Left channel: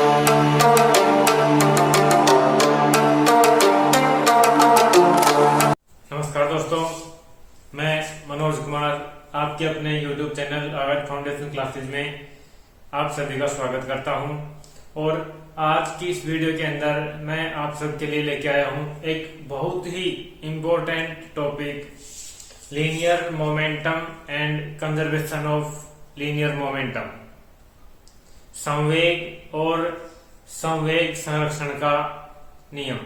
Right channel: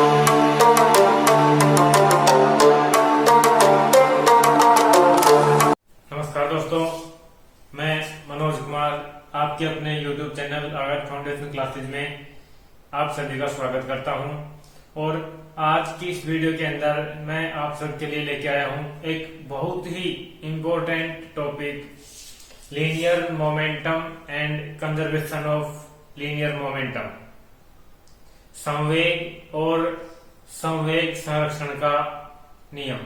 नमस्कार दोस्तों, मैं मनोज कुमार आपके अपने YouTube चैनल आगाज फाउंडेशन क्लासेस में आप सभी का स्वागत करता हूं। और आज की इस वीडियो के अंदर मैं आप सबके लिए लेके आया हूं एक बहुत ही important topic, linear momentum and conservation of linear momentum, संवेग और संवेग संरक्षण का नियम।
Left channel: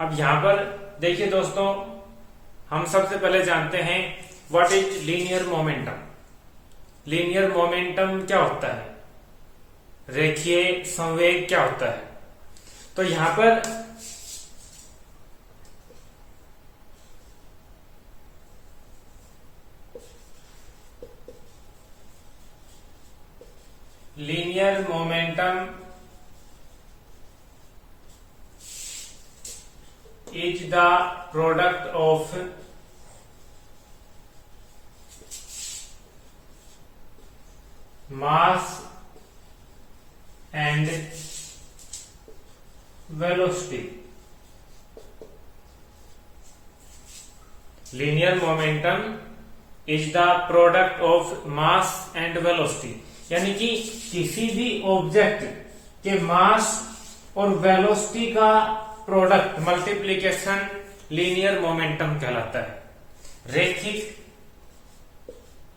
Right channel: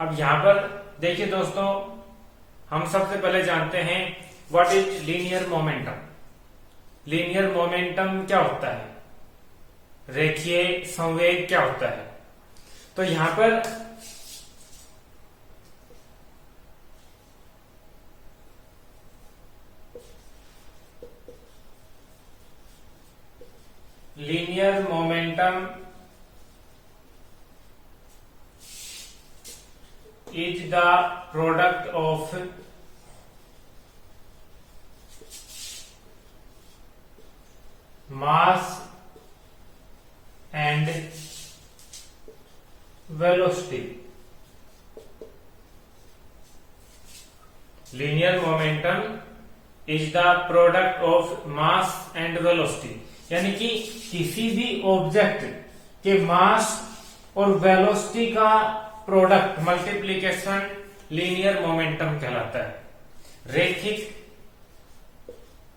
अब यहाँ पर देखिए दोस्तों, हम सबसे पहले जानते हैं what is linear momentum. Linear momentum क्या होता है, रेखीय संवेग क्या होता है। तो यहां पर linear momentum is the product of mass and velocity. Linear momentum is the product of mass and velocity, यानी कि किसी भी ऑब्जेक्ट के मास और वेलोसिटी का प्रोडक्ट मल्टीप्लीकेशन लीनियर मोमेंटम कहलाता है। रेखिक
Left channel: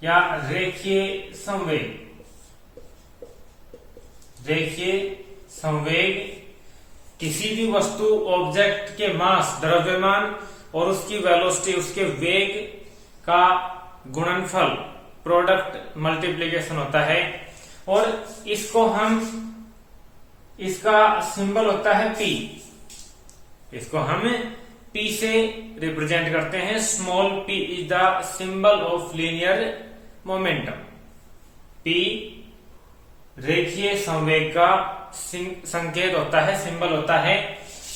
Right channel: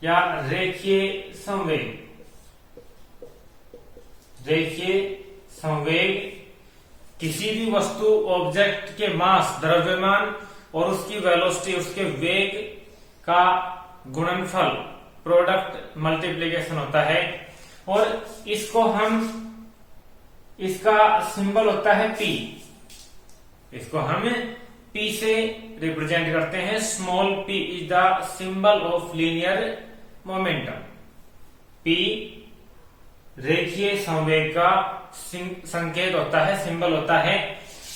या रेखीय संवेग, रेखीय संवेग किसी भी वस्तु ऑब्जेक्ट के मास द्रव्यमान और उसकी वेलोसिटी उसके वेग का गुणनफल प्रोडक्ट मल्टीप्लीकेशन होता है। और इसको हम, इसका सिंबल होता है P, इसको हम P से रिप्रेजेंट करते हैं। Small p is the symbol of linear momentum. P रेखीय संवेग का संकेत होता है, सिंबल होता है।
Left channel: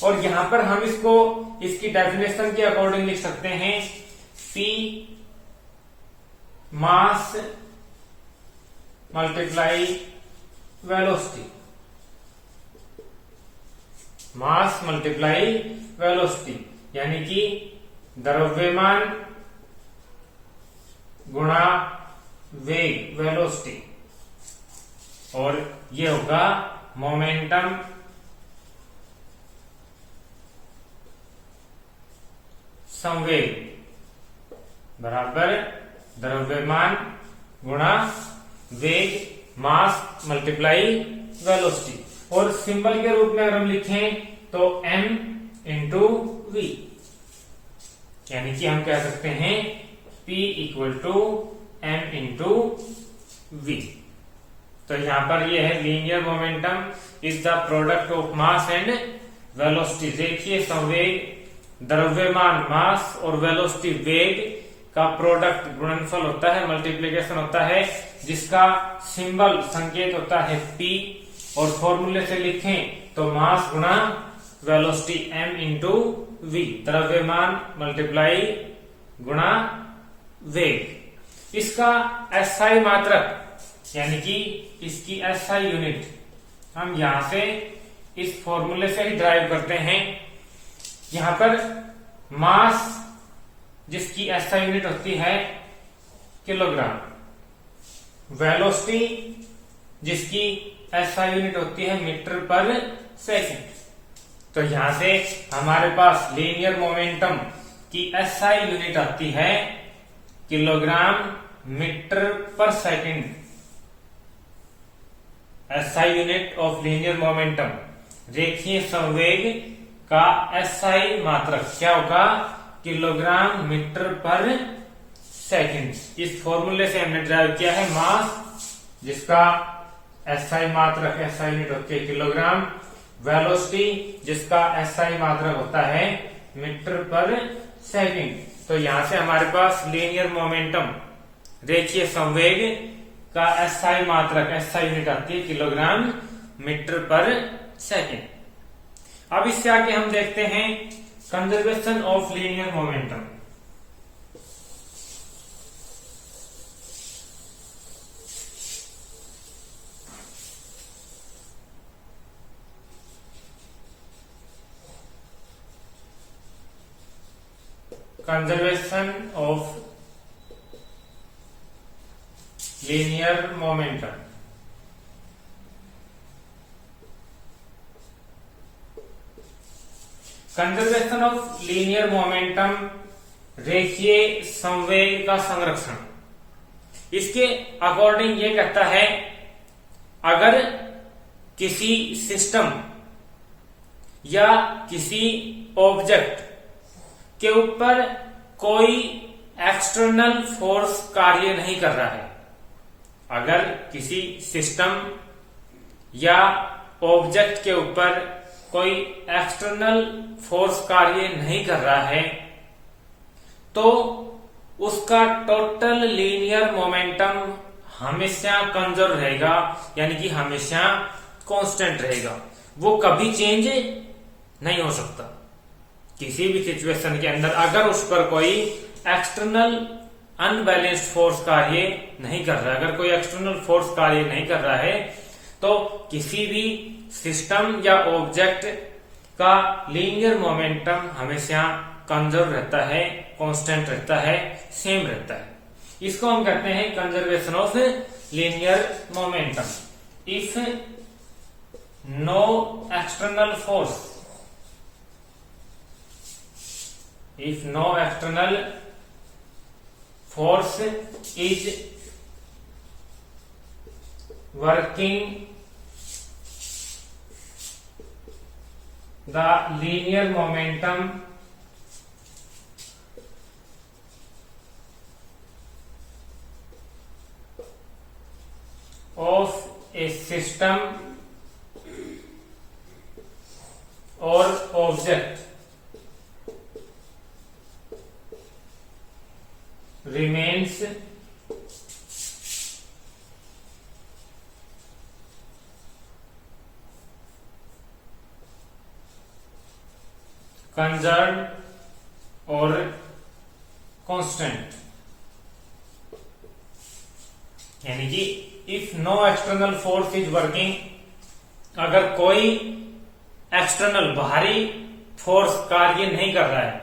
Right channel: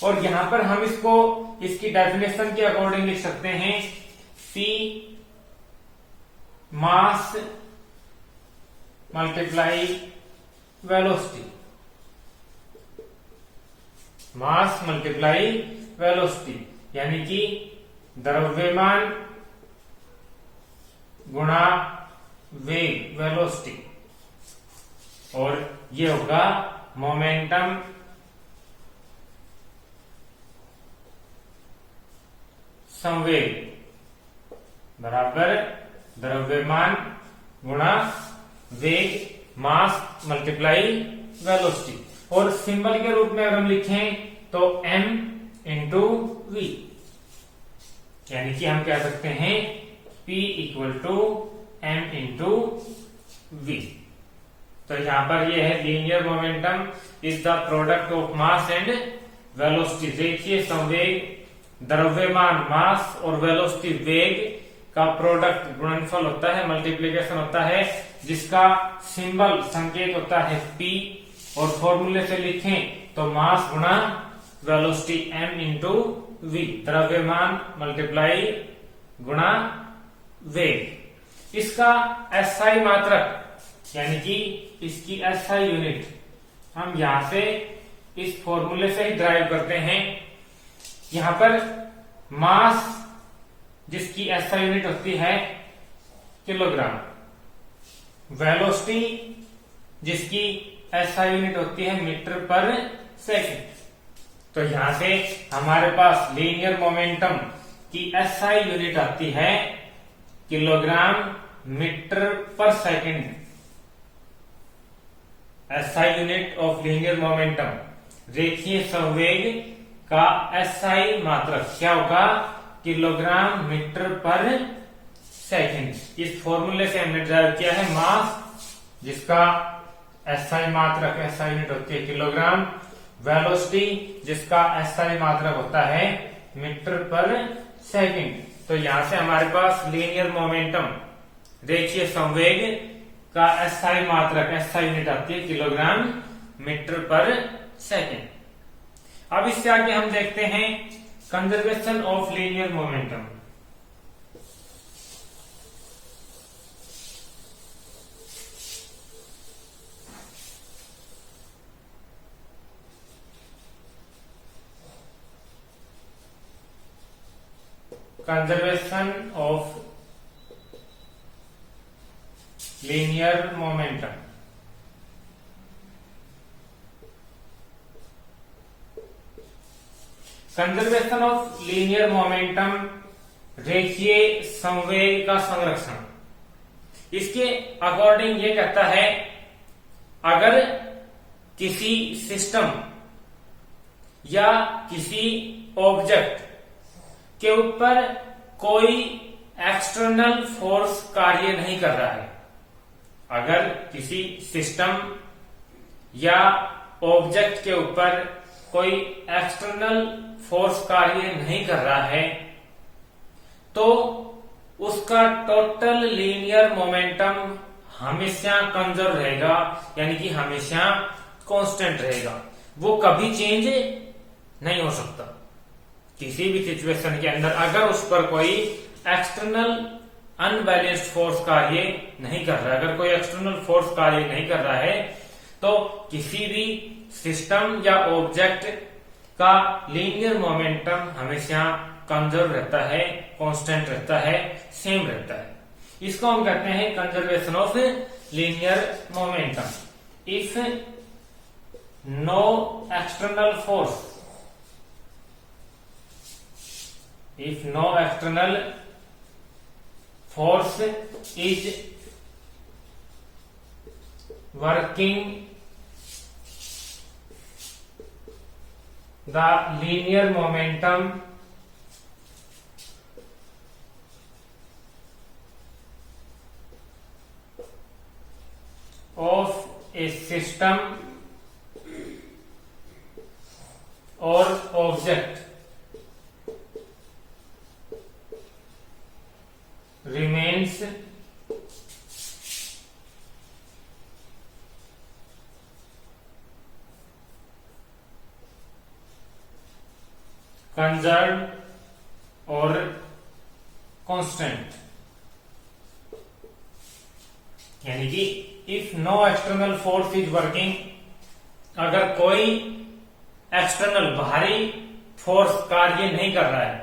और यहां पर हम इसको इसकी डेफिनेशन के अकॉर्डिंग लिख सकते हैं, P मास मल्टीप्लाई वेलोसिटी, मास मल्टीप्लाई वेलोसिटी, यानी कि द्रव्यमान गुणा वेग वेलोसिटी। और ये होगा मोमेंटम संवेग बराबर द्रव्यमान गुणा वेग, मास मल्टीप्लाई वेलोसिटी। और सिंबल के रूप में अगर हम लिखें तो m इंटू वी, यानी कि हम कह सकते हैं P equal to m into v. तो यहां पर यह है linear momentum is the product of mass and velocity. रेखीय संवेग द्रव्यमान मास और वेलोसिटी वेग का प्रोडक्ट गुणनफल होता है, मल्टीप्लीकेशन होता है, जिसका सिंबल संकेत होता है P। और फॉर्मूले से लिखें तो मास गुणा वेलोसिटी m इंटू वी, द्रव्यमान मल्टीप्लाई गुणा वेग। इसका SI मात्रक यानी कि इसकी SI यूनिट हम यहां से इस फॉर्मूले से ही ड्राइव करते हैं। यहां पर मास जिसकी SI यूनिट होती है किलोग्राम, वेलोसिटी जिसकी SI यूनिट होती है मीटर पर सेकंड। तो यहां से हमारे पास लीनियर मोमेंटम की SI यूनिट आती है किलोग्राम मीटर पर second. SI unit of linear momentum, रेखीय संवेग का SI मात्रक क्या होगा, किलोग्राम मीटर पर सेकंड। इस फॉर्मूले से हमने ड्राइव किया है मास जिसका SI मात्रक, SI यूनिट होती है किलोग्राम, वेलोसिटी जिसका SI मात्रक होता है मीटर पर सेकंड। तो यहां से हमारे पास लीनियर मोमेंटम, रेखीय संवेग का SI मात्रक, SI यूनिट आती है किलोग्राम मीटर पर सेकंड। अब इसके आगे हम देखते हैं conservation of linear momentum. Conservation of linear momentum. Conservation of linear momentum, रेखीय संवेग का संरक्षण। इसके अकॉर्डिंग ये कहता है, अगर किसी सिस्टम या किसी ऑब्जेक्ट के ऊपर कोई एक्सटर्नल फोर्स कार्य नहीं कर रहा है, अगर किसी सिस्टम या ऑब्जेक्ट के ऊपर कोई एक्सटर्नल फोर्स कार्य नहीं कर रहा है, तो उसका टोटल लीनियर मोमेंटम हमेशा कंजर्व रहेगा, यानी कि हमेशा कांस्टेंट रहेगा। वो कभी चेंज नहीं हो सकता। किसी भी सिचुएशन के अंदर अगर उस पर कोई एक्सटर्नल अनबैलेंस्ड फोर्स कार्य नहीं कर रहा है, अगर कोई एक्सटर्नल फोर्स कार्य नहीं कर रहा है, तो किसी भी सिस्टम या ऑब्जेक्ट का लीनियर मोमेंटम हमेशा कंजर्व रहता है, कांस्टेंट रहता है, सेम रहता है। इसको हम कहते हैं conservation of linear momentum. If no external force, if no external force is working the linear momentum of a system or object remains conserved or constant, यानी कि if no external force is working, अगर कोई external बाहरी force कार्य नहीं कर रहा है,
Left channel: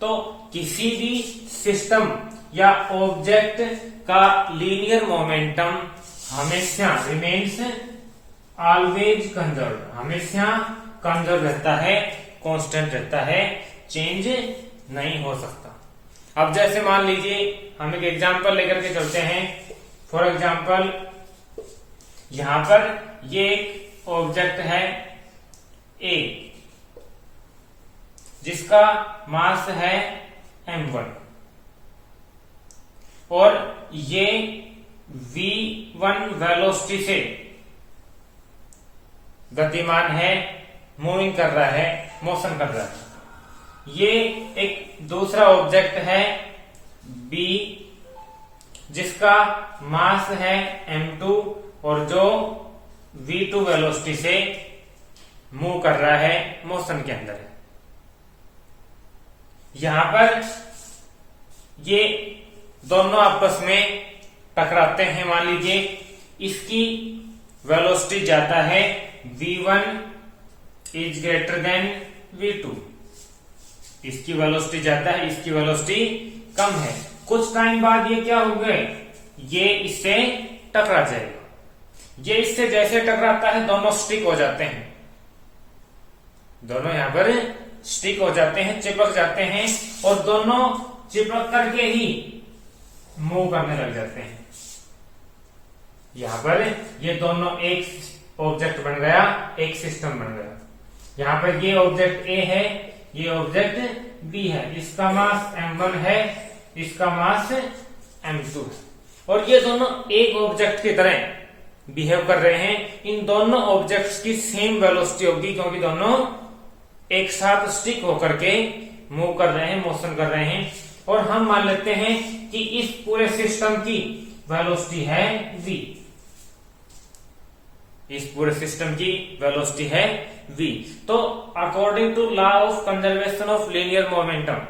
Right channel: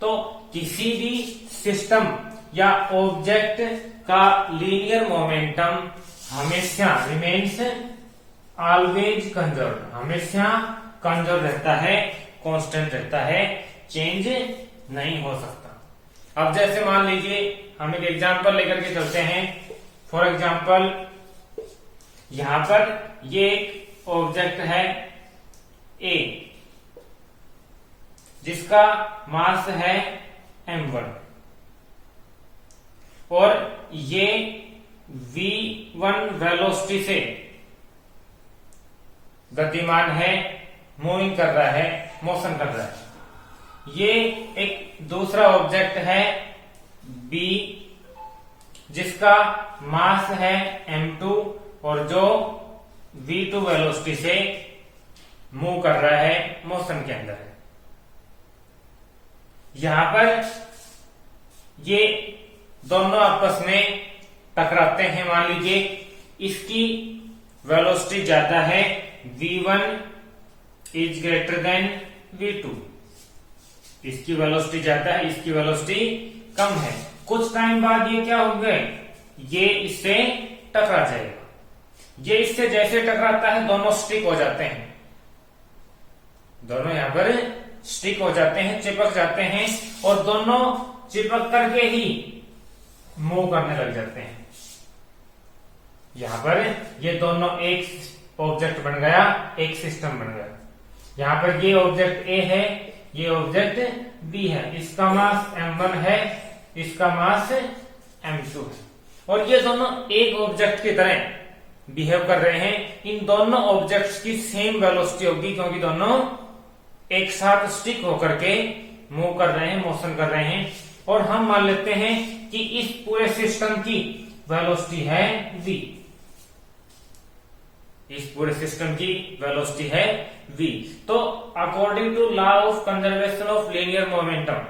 तो किसी भी सिस्टम या ऑब्जेक्ट का लीनियर मोमेंटम हमेशा रिमेन्स ऑलवेज कंजर्व, हमेशा कंजर्व रहता है, कांस्टेंट रहता है, चेंज नहीं हो सकता। अब जैसे मान लीजिए हम एक एग्जांपल लेकर के चलते हैं। फॉर एग्जांपल यहां पर ये एक ऑब्जेक्ट है ए, जिसका मास है m1 और ये v1 वेलोसिटी से गतिमान है, मूविंग कर रहा है, मोशन कर रहा है। ये एक दूसरा ऑब्जेक्ट है b, जिसका मास है m2 और जो v2 वेलोसिटी से मूव कर रहा है, मोशन के अंदर है। यहां पर ये दोनों आपस में टकराते हैं। मान लीजिए इसकी वेलोसिटी ज्यादा है, v1 is greater than v2। इसकी वेलोसिटी ज्यादा है, इसकी वेलोसिटी कम है। कुछ टाइम बाद ये क्या हो गए, ये इससे टकरा जाएगा। ये इससे जैसे टकराता है दोनों स्टिक हो जाते हैं, दोनों यहां पर स्टिक हो जाते हैं, चिपक जाते हैं और दोनों चिपक करके ही मूव करने लग जाते हैं। यहां पर ये दोनों एक ऑब्जेक्ट बन गया, एक सिस्टम बन गया। यहां पर ये ऑब्जेक्ट ए है, ये ऑब्जेक्ट बी है। इसका मास m1 है, इसका मास m2, और ये दोनों एक ऑब्जेक्ट की तरह बिहेव कर रहे हैं। इन दोनों ऑब्जेक्ट्स की सेम वेलोसिटी होगी, क्योंकि दोनों एक साथ स्टिक होकर के मूव कर रहे हैं, मोशन कर रहे हैं। और हम मान लेते हैं कि इस पूरे सिस्टम की वेलोसिटी है v, इस पूरे सिस्टम की वेलोसिटी है v। तो according to law of conservation of linear momentum,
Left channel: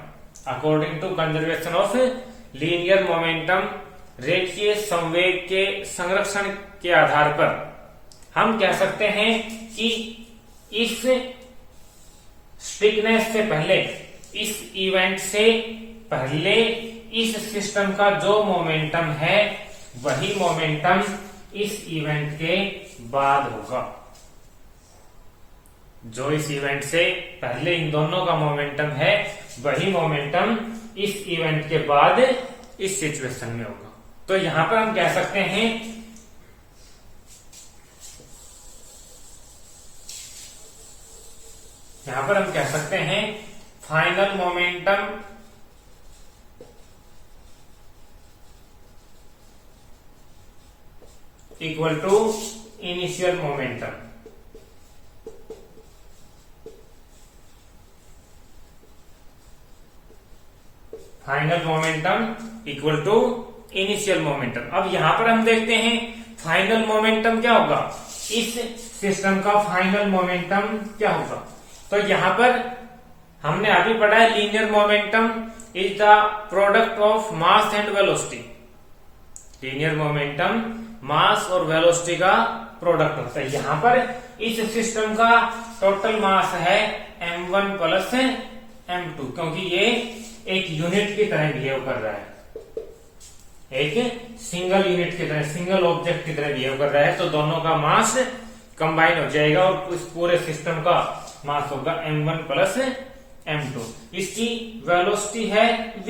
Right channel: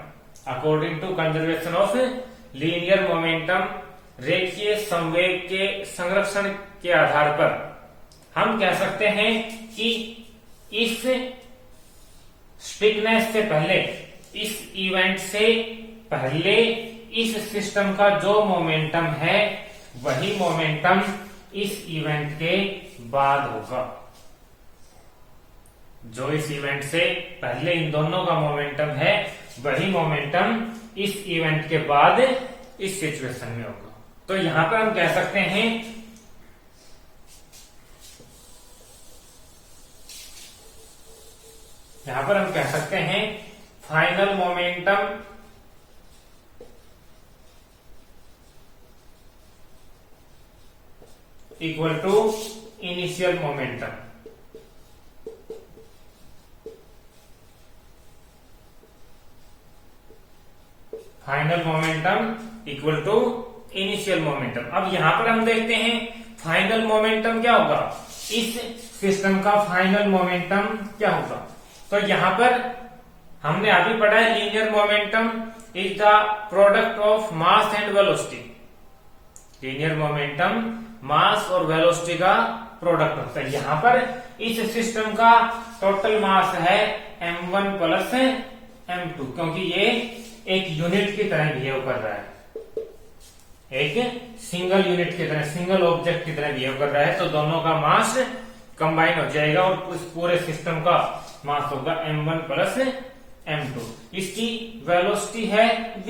according to conservation of linear momentum, रेखीय संवेग के संरक्षण के आधार पर हम कह सकते हैं कि इस स्टिकनेस से पहले, इस इवेंट से पहले इस सिस्टम का जो मोमेंटम है वही मोमेंटम इस इवेंट के बाद होगा। जो इस इवेंट से पहले इन दोनों का मोमेंटम है वही मोमेंटम इस इवेंट के बाद इस सिचुएशन में होगा। तो यहां पर हम कह सकते हैं final momentum equal to initial momentum. Final momentum equal to initial momentum. अब यहां पर हम देखते हैं फाइनल मोमेंटम क्या होगा, इस सिस्टम का फाइनल मोमेंटम क्या होगा। तो यहां पर हमने अभी पढ़ा है linear momentum is the product of mass and velocity. Linear momentum mass और वेलोसिटी का प्रोडक्ट होता है। यहां पर इस सिस्टम का टोटल मास है m1 प्लस m2, क्योंकि ये एक यूनिट की तरह बिहेव कर रहा है, एक सिंगल यूनिट की तरह, सिंगल ऑब्जेक्ट की तरह बिहेव कर रहा है। तो दोनों का मास कंबाइन हो जाएगा और उस पूरे सिस्टम का मास होगा m1 प्लस m2। इसकी वेलोसिटी है v।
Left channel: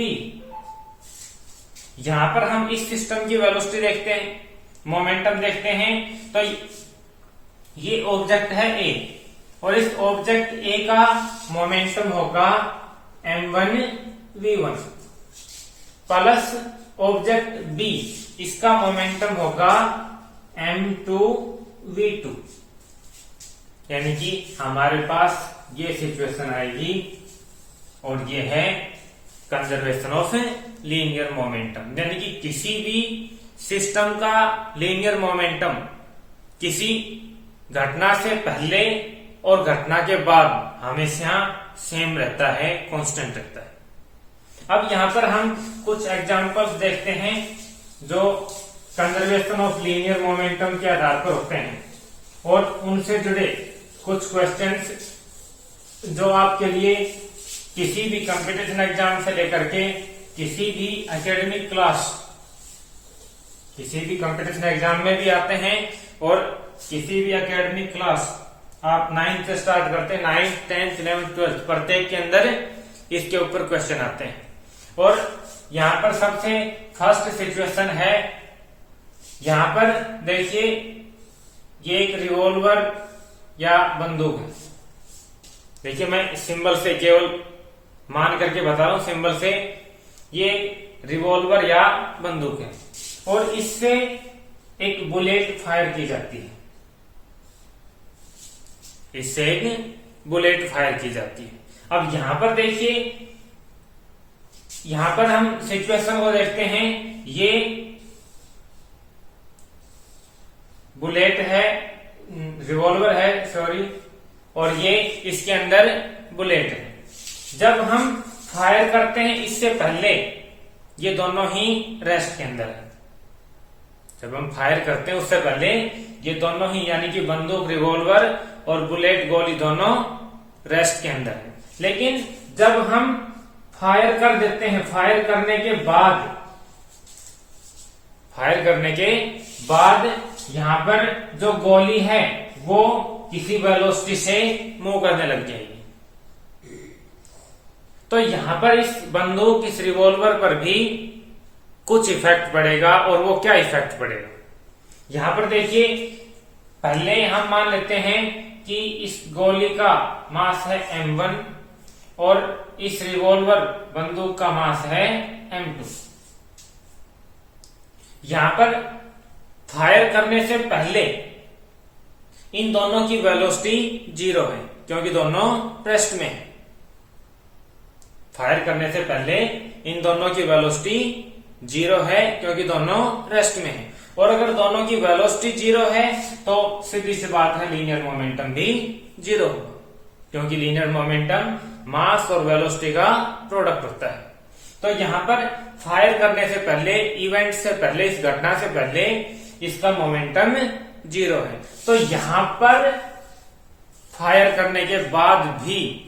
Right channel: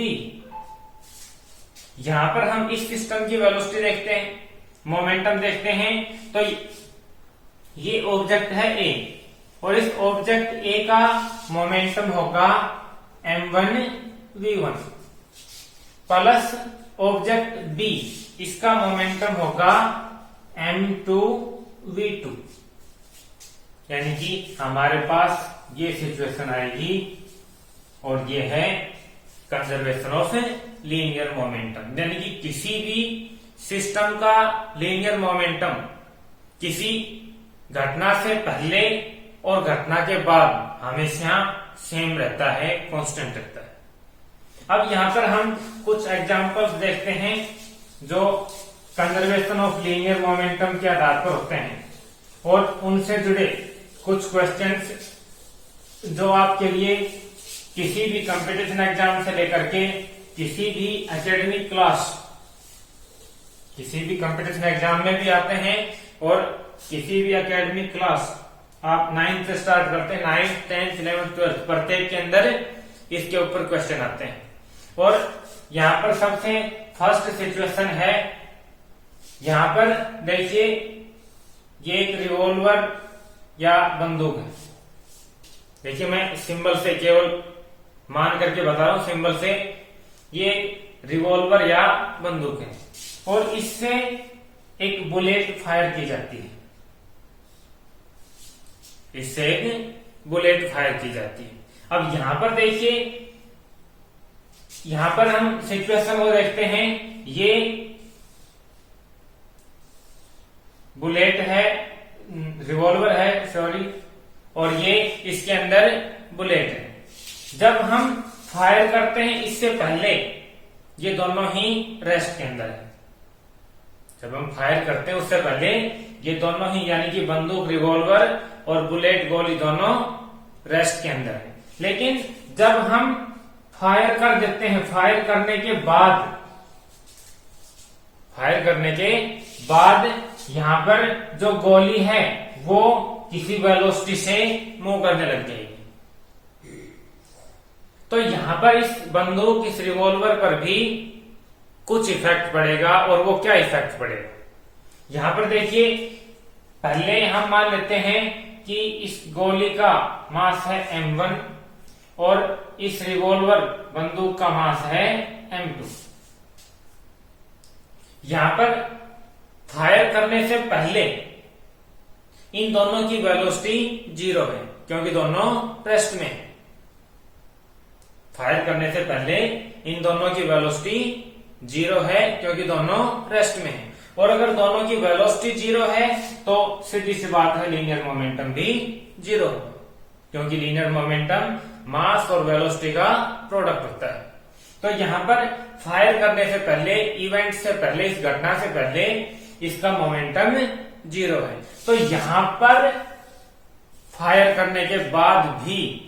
यहां पर हम इस सिस्टम की वेलोसिटी देखते हैं, मोमेंटम देखते हैं। तो ये ऑब्जेक्ट है A और इस ऑब्जेक्ट A का मोमेंटम होगा m1 v1 plus object B, इसका मोमेंटम होगा m2 v2। यानी कि हमारे पास ये सिचुएशन आएगी और ये है कंजर्वेशन ऑफ लीनियर मोमेंटम। यानी कि किसी भी सिस्टम का लीनियर मोमेंटम किसी घटना से पहले और घटना के बाद हमेशा सेम रहता है, कांस्टेंट रहता है। अब यहां पर हम कुछ एग्जांपल्स देखते हैं जो कंजर्वेशन ऑफ लीनियर मोमेंटम के आधार पर होते हैं और उनसे जुड़े कुछ क्वेश्चंस जो आपके लिए किसी भी कंपटीशन एग्जाम से लेकर के किसी भी एकेडमिक क्लास, किसी भी कंपटीशन एग्जाम में भी आते हैं और किसी भी एकेडमिक क्लास आप 9th से स्टार्ट करते हैं, 9th, 10th, 11th, 12th प्रत्येक के अंदर इसके ऊपर क्वेश्चन आते हैं। और यहां पर सबसे फर्स्ट सिचुएशन है, यहां पर देखिए ये एक रिवॉल्वर या बंदूक है। देखिए मैं सिंबल से केवल मान करके बता रहा हूं, सिंबल से ये रिवॉल्वर या बंदूक है और इससे एक बुलेट फायर की जाती है, इससे एक बुलेट फायर की जाती है। अब यहां पर देखिए, यहां पर हम सिचुएशन को देखते हैं, ये बुलेट है, रिवॉल्वर है सॉरी, और ये इसके अंदर बुलेट है। जब हम फायर करते हैं इससे पहले ये दोनों ही रेस्ट के अंदर है। जब हम फायर करते हैं उससे पहले ये दोनों ही यानी कि बंदूक, रिवॉल्वर और बुलेट, गोली दोनों रेस्ट के अंदर है। लेकिन जब हम फायर कर देते हैं, फायर करने के बाद यहां पर जो गोली है वो किसी वेलोसिटी से मूव करने लग जाएगी। तो यहां पर इस बंदूक, इस रिवॉल्वर पर भी कुछ इफेक्ट पड़ेगा। और वो क्या इफेक्ट पड़ेगा, यहां पर देखिए, पहले हम मान लेते हैं कि इस गोली का मास है m1 और इस रिवॉल्वर बंदूक का मास है m2। यहां पर फायर करने से पहले इन दोनों की वेलोसिटी 0 है क्योंकि दोनों रेस्ट में है। फायर करने से पहले इन दोनों की वेलोसिटी 0 है क्योंकि दोनों रेस्ट में है। और अगर दोनों की वेलोसिटी 0 है तो सीधी सी बात है लीनियर मोमेंटम भी 0 होगा, क्योंकि लीनियर मोमेंटम मास और वेलोसिटी का प्रोडक्ट होता है। तो यहां पर फायर करने से पहले, इवेंट से पहले, इस घटना से पहले इसका मोमेंटम 0 है। तो यहां पर फायर करने के बाद भी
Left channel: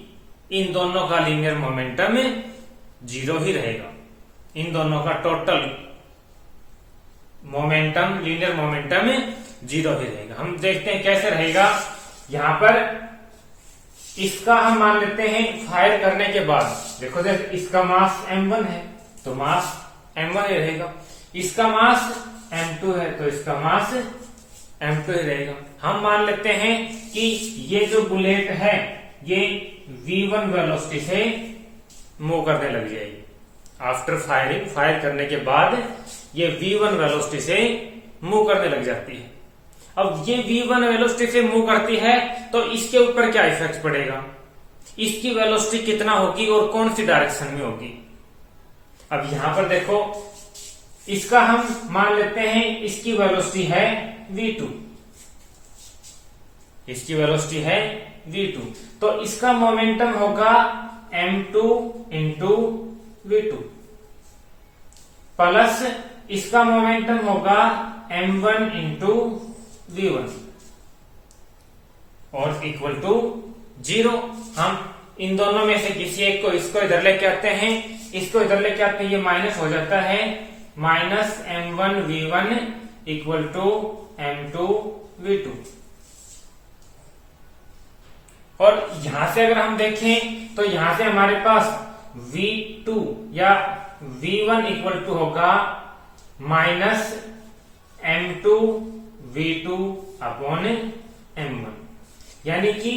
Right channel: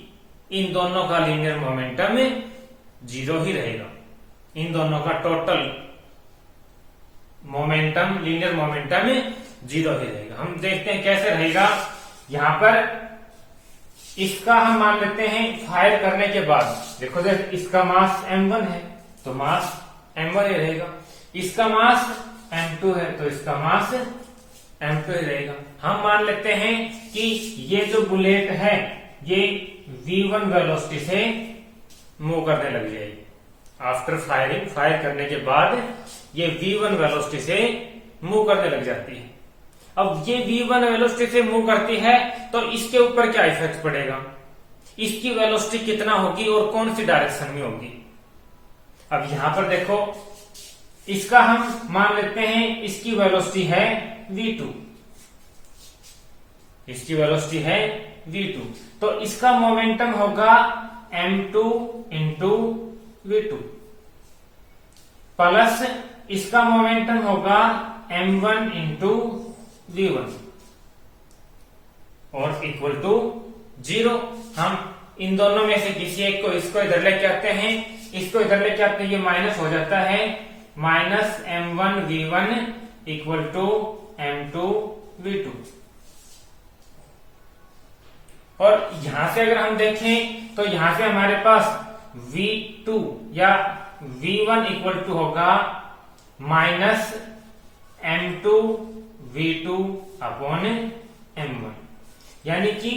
इन दोनों का लीनियर मोमेंटम जीरो ही रहेगा। इन दोनों का total momentum, linear momentum zero ही रहेगा। हम देखते हैं कैसे रहेगा। यहां पर इसका हम मान लेते हैं फायर करने के बाद, देखो इसका मास m1 है तो मास m1 ही रहेगा, इसका मास m2 है तो इसका मास m2 ही रहेगा। हम मान लेते हैं कि ये जो बुलेट है ये v1 वेलोसिटी से मूव करने लग जाएगी। आफ्टर फायरिंग, फायर करने के बाद ये v1 वेलोसिटी से मूव करने लग जाती है। अब ये v1 वेलोसिटी से मूव करती है तो इसके ऊपर क्या इफेक्ट पड़ेगा, इसकी वेलोसिटी कितना होगी और कौन सी डायरेक्शन में होगी। अब यहां पर देखो, इसका हम मान लेते हैं इसकी वेलोसिटी है v2, इसकी वेलोसिटी है v2, तो इसका मोमेंटम होगा m2 इंटू v2 प्लस इसका मोमेंटम होगा m1 इंटू v1 और इक्वल टू 0। हम इन दोनों में से किसी एक को, इसको इधर लेके आते हैं, इसको इधर लेके आते हैं, ये माइनस हो जाता है, minus m1 v1 equal to m2 v2। और यहां से अगर हम देखें तो यहां से हमारे पास v2 या v1 इक्वल टू होगा minus m2 v2 upon m1, यानी कि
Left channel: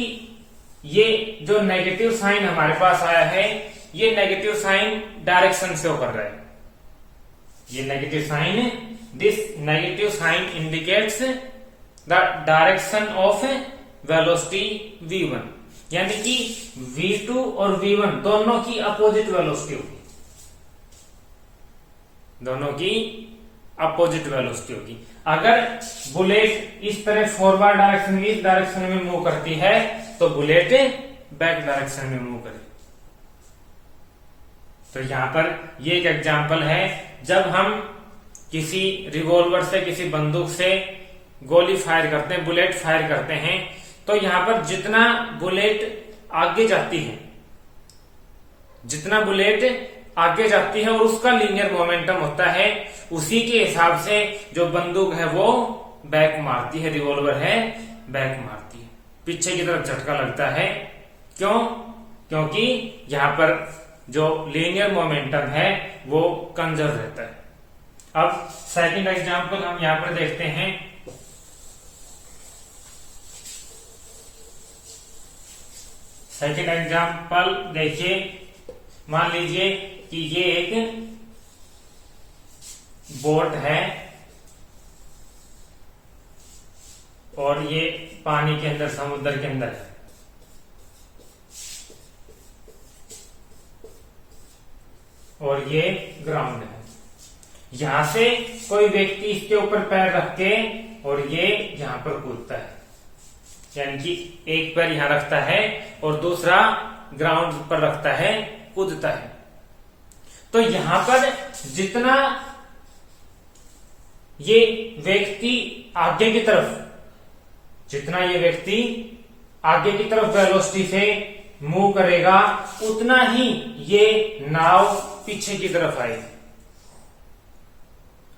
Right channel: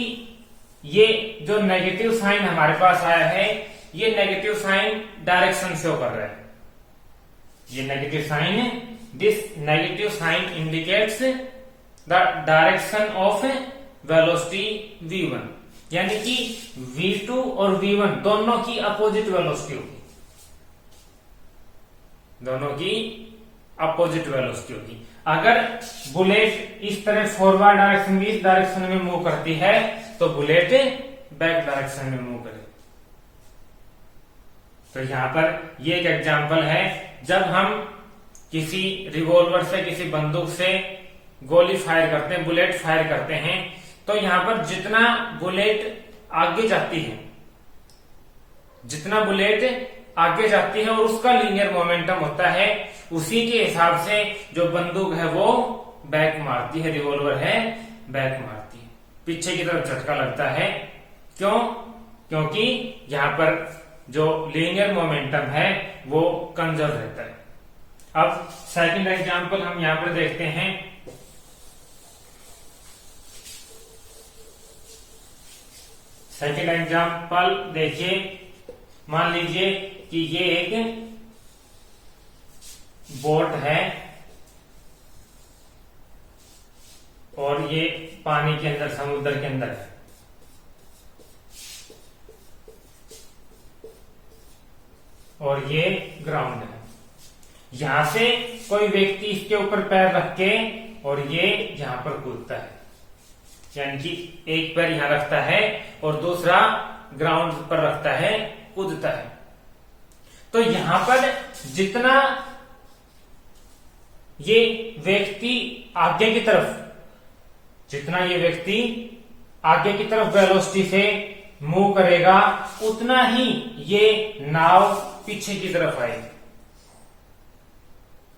ये जो नेगेटिव साइन हमारे पास आया है ये नेगेटिव साइन डायरेक्शन शो कर रहा है। ये negative sign, this negative sign indicates the direction of velocity v1, यानी कि v2 और v1 दोनों की अपोजिट वेलोसिटी होगी, दोनों की अपोजिट वेलोसिटी होगी। अगर बुलेट इस तरह फॉरवर्ड डायरेक्शन में, इस डायरेक्शन में मूव करती है तो बुलेट बैक डायरेक्शन में मूव करे। तो यहां पर ये एक एग्जांपल है, जब हम किसी रिवॉल्वर से, किसी बंदूक से गोली फायर करते हैं, बुलेट फायर करते हैं, तो यहां पर जितना बुलेट आगे जाती है, जितना बुलेट आगे जाती है और उसका लीनियर मोमेंटम होता है, उसी के हिसाब से जो बंदूक है वो बैक मारती है, रिवॉल्वर है बैक मारती है, पीछे की तरफ झटका लगता है। क्यों? क्योंकि यहां पर जो लीनियर मोमेंटम है वो कंजर्व रहता है। अब सेकंड एग्जांपल हम यहां पर देखते हैं। सेकंड एग्जांपल देखिए, मान लीजिए कि ये एक बोट है और ये पानी के अंदर, समुद्र के अंदर है, और ये ग्राउंड है। यहां से कोई व्यक्ति इसके ऊपर पैर रख के और ये यहां पर कूदता है, यानी कि एक पैर यहां रखता है और दूसरा ग्राउंड पर रखता है, कूदता है। तो यहां पर जितना ये व्यक्ति आगे की तरफ, जितना ये व्यक्ति आगे की तरफ वेलोसिटी से मूव करेगा, उतना ही ये नाव पीछे की तरफ आएगी,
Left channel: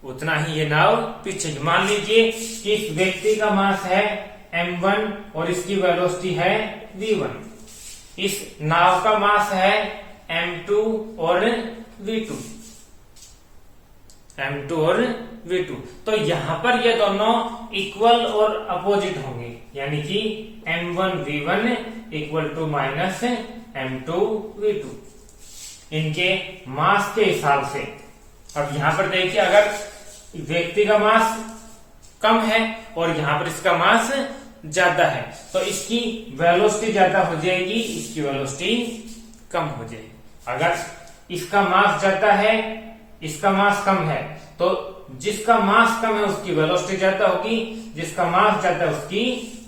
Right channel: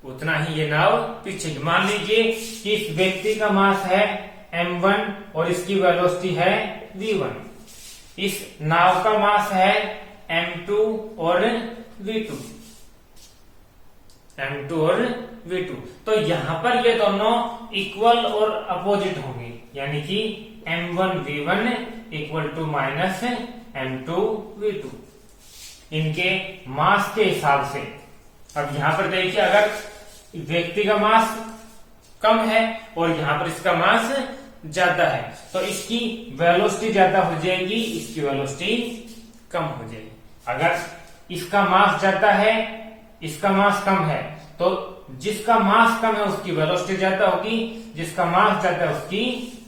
उतना ही ये नाव पीछे। मान लीजिए कि इस व्यक्ति का मास है m1 और इसकी वेलोसिटी है v1, इस नाव का मास है m2 और v2, m2 और v2। तो यहां पर ये दोनों इक्वल और अपोजिट होंगे, यानी कि m1 v1 equal to minus m2 v2 इनके मास के हिसाब से। अब यहां पर देखिए, अगर व्यक्ति का मास कम है और यहां पर इसका मास ज्यादा है तो इसकी वेलोसिटी ज्यादा हो जाएगी, इसकी वेलोसिटी कम हो जाएगी। अगर इसका मास ज्यादा है, इसका मास कम है, तो जिसका मास कम है उसकी वेलोसिटी ज्यादा होगी, जिसका मास ज्यादा है उसकी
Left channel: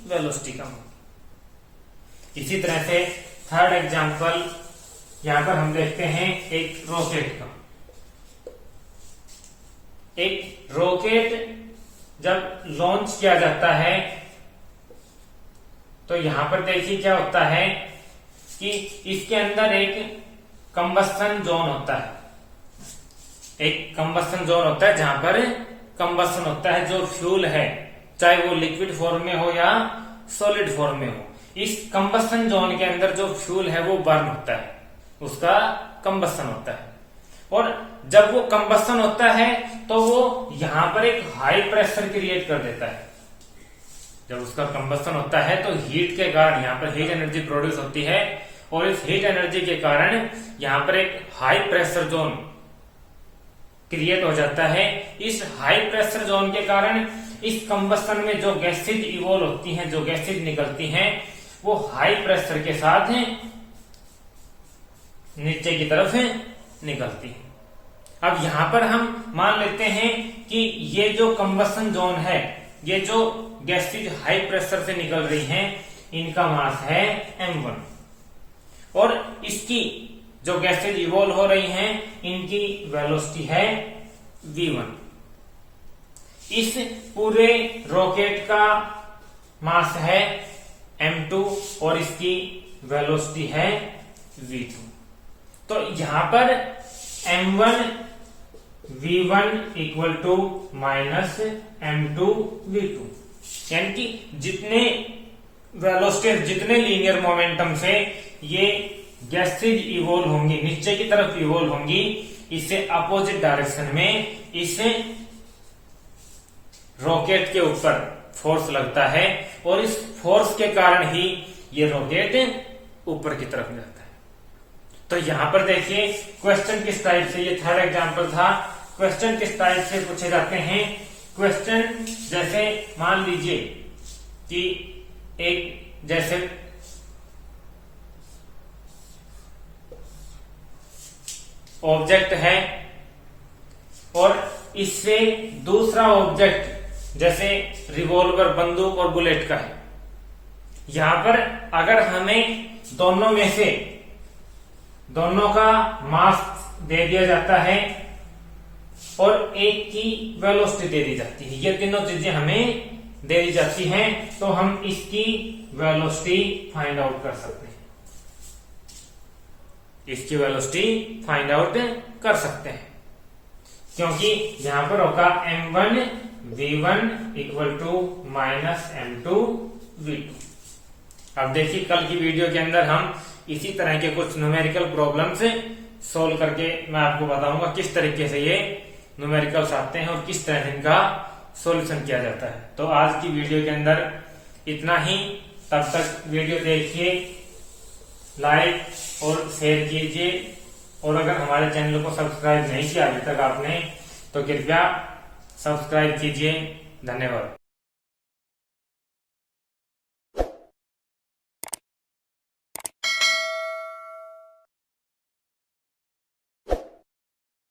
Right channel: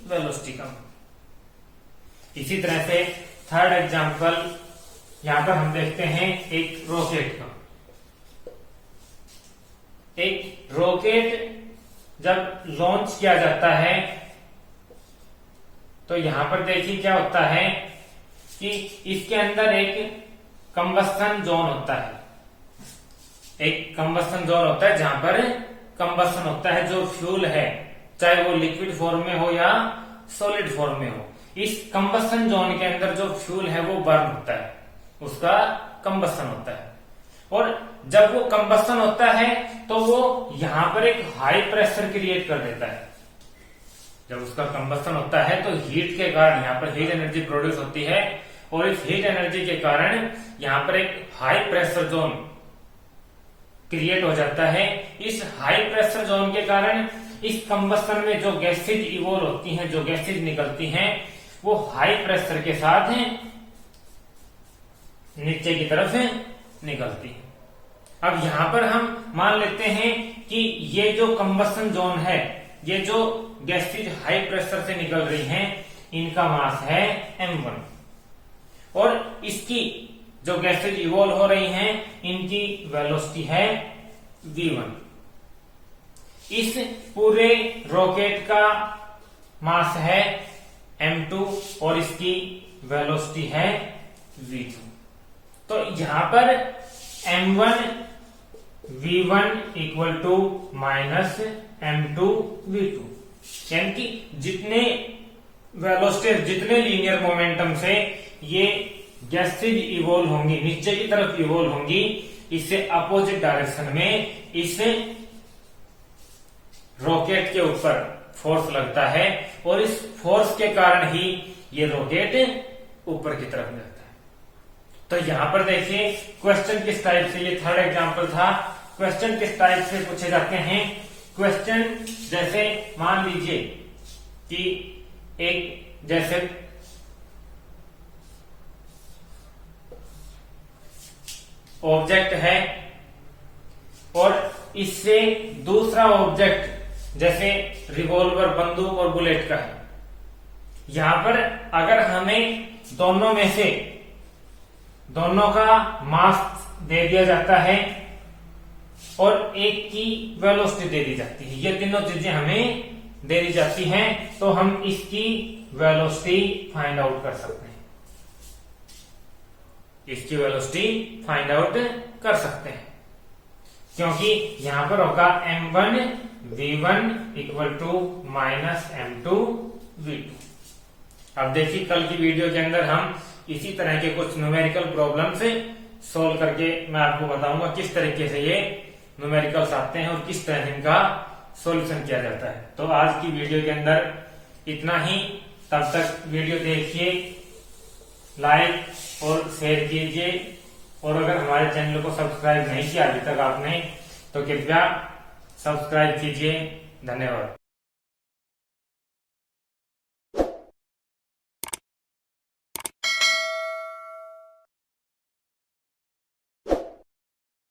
वेलोसिटी कम होगी। इसी तरह से थर्ड एग्जांपल यहां पर हम देखते हैं एक रॉकेट का। एक रॉकेट जब लॉन्च किया जाता है तो यहां पर देखिए क्या होता है कि इसके अंदर एक कंबस्शन जोन होता है, एक कंबस्शन जोन होता है जहां पर कंबस्शन होता है, जो फ्यूल है चाहे वो लिक्विड फॉर्म में हो या सॉलिड फॉर्म में हो, इस कंबस्शन जोन के अंदर जो फ्यूल है वो बर्न होता है, उसका कंबस्शन होता है। और जब वो कंबस्शन होता है तो वो यहां पर एक हाई प्रेशर क्रिएट कर देता है। जब उसका कंबस्शन होता है तो हीट के कारण यहाँ पर हीट एनर्जी प्रोड्यूस होती है, और इस हीट एनर्जी के कारण यहाँ पर एक हाई प्रेशर जोन क्रिएट हो जाता है। इस हाई प्रेशर जोन के कारण इस कंबस्शन में जो गैसेज इवॉल्व होती हैं, जो गैसेज निकलती हैं, वो हाई प्रेशर के साथ नीचे की तरफ निकलती है। अब यहां पर हम मान लेते हैं कि ये जो कंबस्शन जोन है, ये जो गैसेज हाई प्रेशर से निकल रही हैं, इनका मास है m1, और इसकी जो गैसेज इवॉल्व हो रही हैं, इनकी वेलोसिटी है v1। इस पूरे रॉकेट का मास है m2 और इसकी वेलोसिटी है v2। तो यहां पर m1 v1 equal to minus m2 v2, यानी कि जितने वेलोसिटी, जितने लीनियर मोमेंटम से ये गैसेज इवॉल्व होंगी, नीचे की तरफ इवॉल्व होंगी, इससे अपोजिट डायरेक्शन में इस रॉकेट के ऊपर फोर्स लगता है, और इस फोर्स के कारण ही ये रॉकेट ऊपर की तरफ जाता है। तो यहां पर देखिए क्वेश्चन किस टाइप से, ये थर्ड एग्जांपल था, क्वेश्चन किस टाइप से पूछे जाते हैं। क्वेश्चन जैसे मान लीजिए कि एक जैसे ऑब्जेक्ट है और इससे दूसरा ऑब्जेक्ट जैसे रिवॉल्वर, बंदूक और बुलेट का है। यहां पर अगर हमें दोनों में से दोनों का मास दे दिया जाता है और एक की वेलोसिटी दे दी जाती है, ये तीनों चीजें हमें दे दी जाती हैं, तो हम इसकी वेलोसिटी फाइंड आउट कर सकते हैं, इसकी वेलोसिटी फाइंड आउट कर सकते हैं, क्योंकि यहां पर होगा m1 v1 equal to minus m2 v2। अब देखिए कल की वीडियो के अंदर हम इसी तरह के कुछ न्यूमेरिकल प्रॉब्लम्स सोल्व करके मैं आपको बताऊंगा किस तरीके से ये न्यूमेरिकल्स आते हैं और किस तरह से इनका सॉल्यूशन किया जाता है। तो आज की वीडियो के अंदर इतना ही, तब तक वीडियो देखिए, लाइक और शेयर कीजिए, और अगर हमारे चैनल को सब्सक्राइब नहीं किया अभी तक आपने तो कृपया सब्सक्राइब कीजिए। धन्यवाद।